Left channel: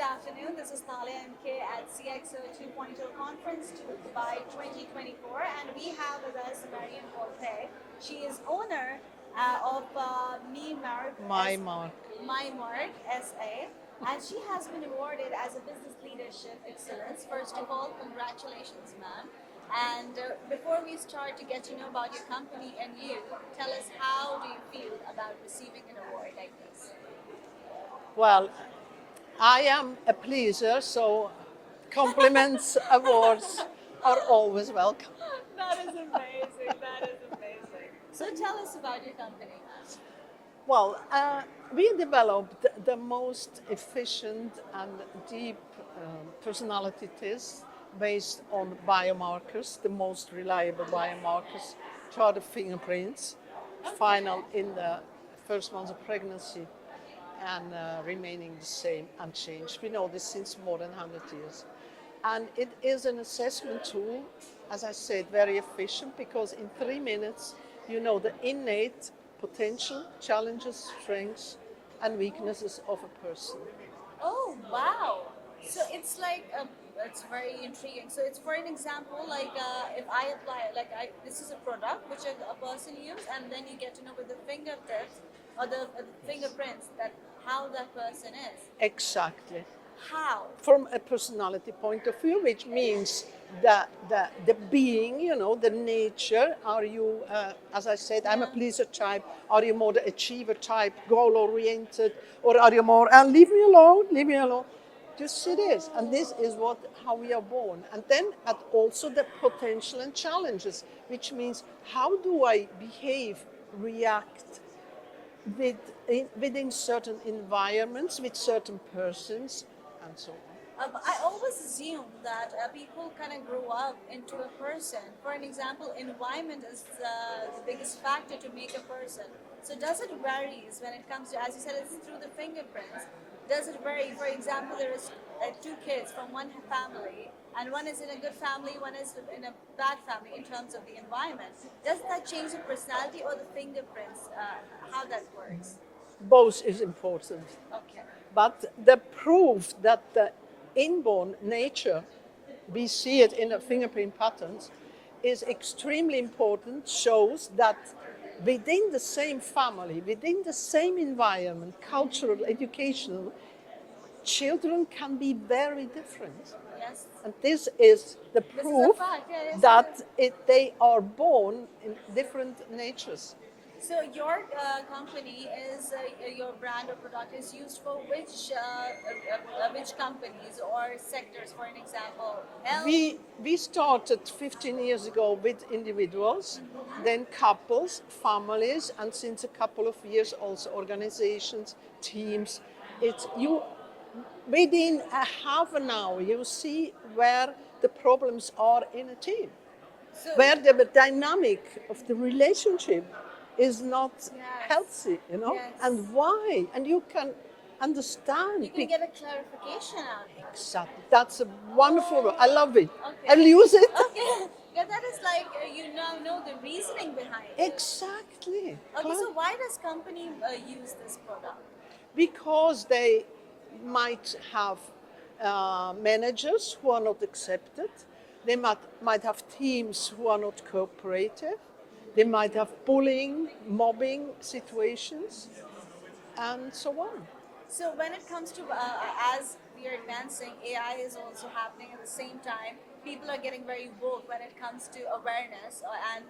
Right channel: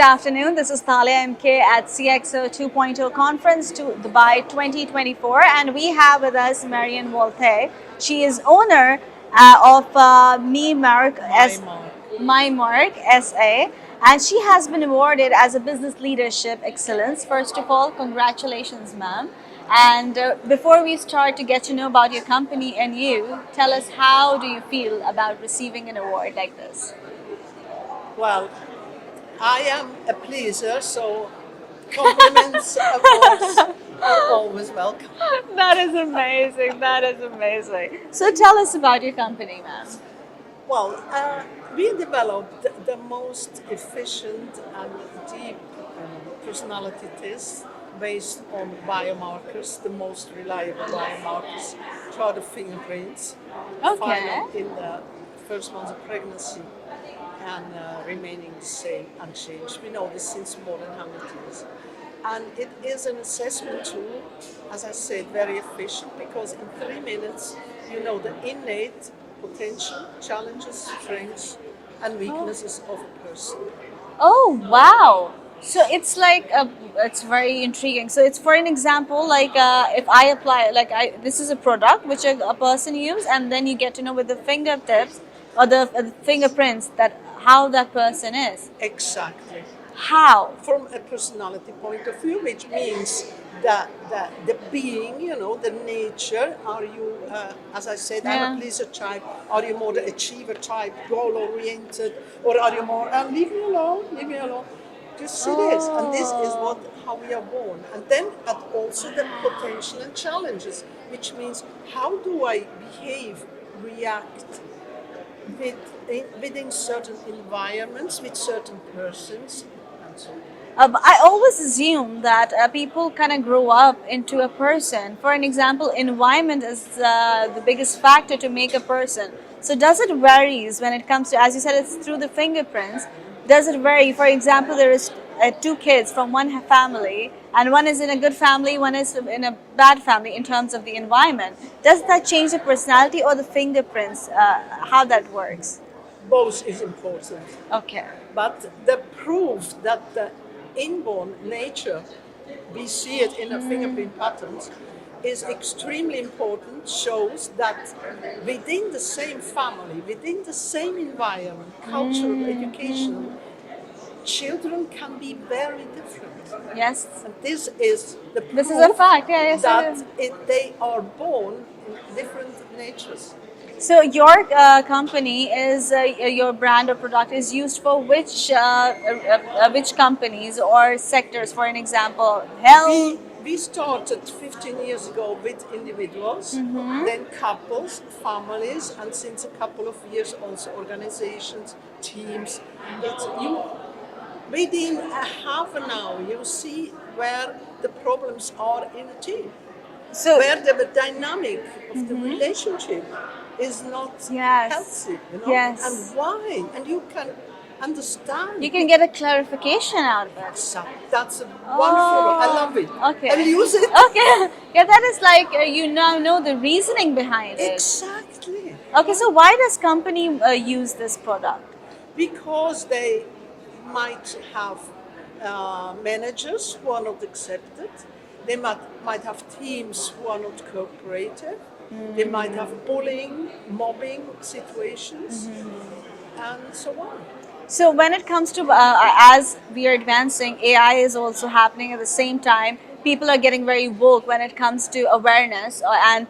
Good afternoon. This is Thalia MK at CXO 2.0 conference to Dubai 2024, and we have with us Marianne Volonté. She is owner of Mymarq SA, and she has been awarded as a business leadership excellence. First of all, congratulations, ma'am. And before we start to get to know about your company and you, tell us, how do you feel about receiving an award like this? Well, I am a pleaser, so compliments, awards are always welcome. That is amazing. That is amazing. So tell us about your company, ma'am. Well, we developed the most efficient and deep personality test based on biomarkers, the most reliable biomarkers, which are the fingerprints, Okay. found in the first months of pregnancy and remaining the same, unchanged. We know this since more than 100 years. And it is an assessment tool, as I said, very efficient, because in 3 minutes you know the innate potential, challenges, strengths, and weaknesses of a person. Oh, wow. So it's like it's very intriguing. So it's, for an example, like if I apply, like this is a product which a person use, and then you get to know with the fingertips or the fingerprints that how that person is. Exactly. How? From a personality point of view, which means the being, the nature. Are you, as I said, I'm Yeah. a pleaser type. Are you more the achiever type, goal oriented, or are you more, leave me alone, leave me alone? This it is, and this is what how we are born. And then also the potential and challenges, which means how do I behave, react within certain environments, with certain persons, and so on. But I always assume that people kind of grow up into a person. For an example, environment is the biggest factor to make a person. So does it varies when it comes to, as you said, it's through the fingerprints. Does it vary? For example, there is two kids from one family, and one is in a good family, one is in a bad family in terms of the environment. Does that change the personality or the fingerprints? How that works? Both is important. Okay. But the proof that the inborn nature, we see it in the fingerprint patterns, is extremely important, shows that within the same family, within the same environment, cultural, educational, children can be very different. Yes. And this is the proof This is a fact. Yeah, yes, it is. that they are born in different natures. So your company is your brand or product is used for which companies or sectors? For an example, health. We started 15 years ago with individuals, then couples, families, and since a couple of years also organizations, teams. It's you within a half an hour you see where the problems are in a team, So where the dynamic of the relationship is not yes, healthy, yes, and why, and you can understand. you can get a clarification out of it. So that's a wonderful. I love it. Okay. And use it. Okay. Yeah, that is like you now know the reasoning behind it. Exactly. Okay, so why does company use this product? Because they might have managers who are not accepted. They might have teams who are not cooperative. They might have bullying, mobbing situations, and so on. So when it comes to as we are advancing, AI is also happening at the same time. People are getting very woke when it comes to awareness, and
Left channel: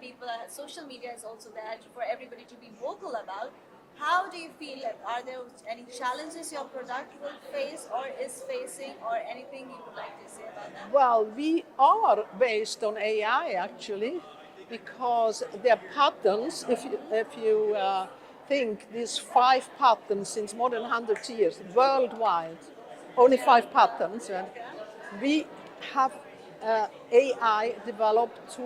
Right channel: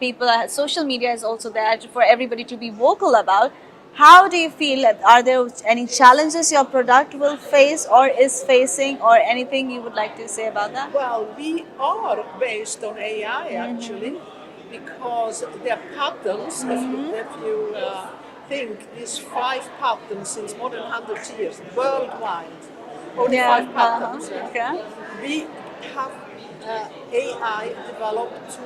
social media is also there for everybody to be vocal about. How do you feel? Are there any challenges your product will face or is facing, or anything you would like to say about that? Well, we are based on AI actually, because there are patterns. If you think these 5 patterns since more than 100 years worldwide, only Yeah. 5 patterns. Okay. We have AI developed to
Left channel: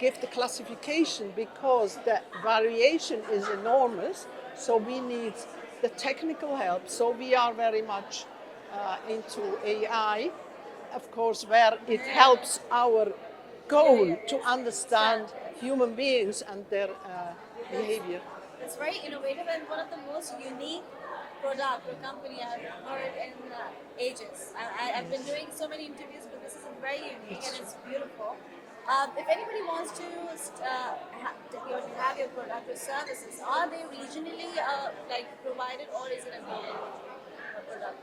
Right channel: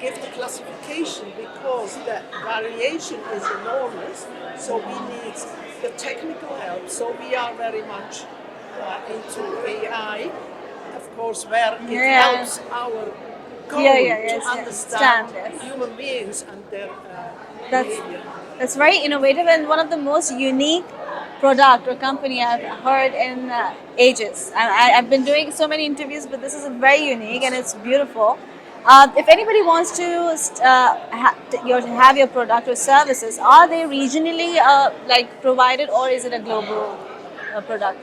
give the classification because the variation is enormous. So we need the technical help. So we are very much into AI, of course, where it Yeah. helps our goal to yes. understand Stand, yes. human beings and their That's behavior. that's very innovative and one of the most unique product or company I've heard in ages. I've been doing so many interviews, but this is very unique and it's beautiful. If anybody wants to have your product or services, are they regionally like provided or is it a global product?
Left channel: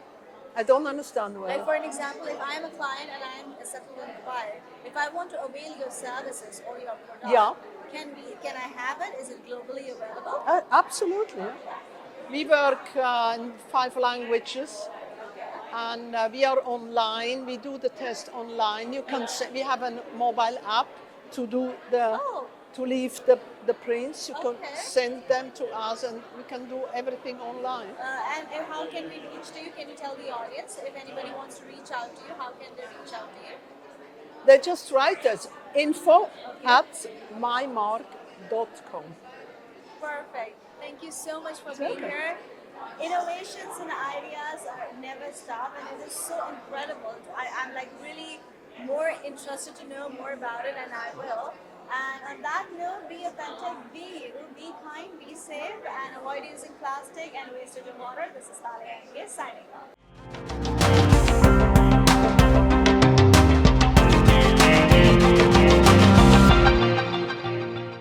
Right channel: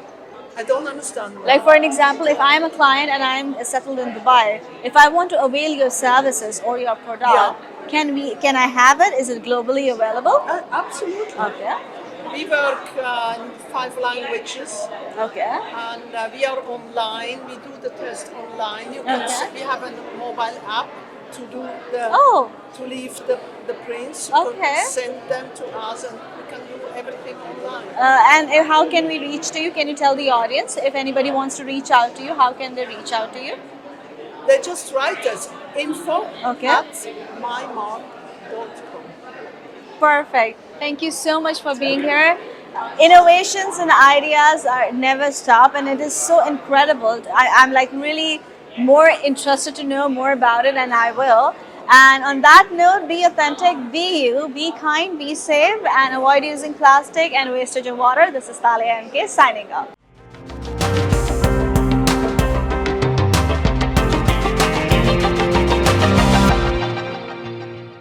I don't understand well. Like for an example, if I'm a client and I'm settled in Dubai, if I want to avail your services or your Yeah, product, can I have it? Is it globally available? absolutely. Okay. We work in 5 languages, Okay. and we are online. We do the test online. You can Okay. we have a mobile app to do the Oh, to leave the prints. You can okay. send them to us, and we can do everything online. And how can we reach to you? Can you tell the audience if anybody wants to reach out to you? How can they reach out to you? They just write us info Okay. at mymark.com. Perfect. Thank you so much for being here. Innovations and ideas are never stop, and it is so incredible. I'm like really more interested to know more about it, and I will. And on that note, be authentic, be you, be kind, be safe, and avoid using plastic and wastage of water. This is Talia MK signing off.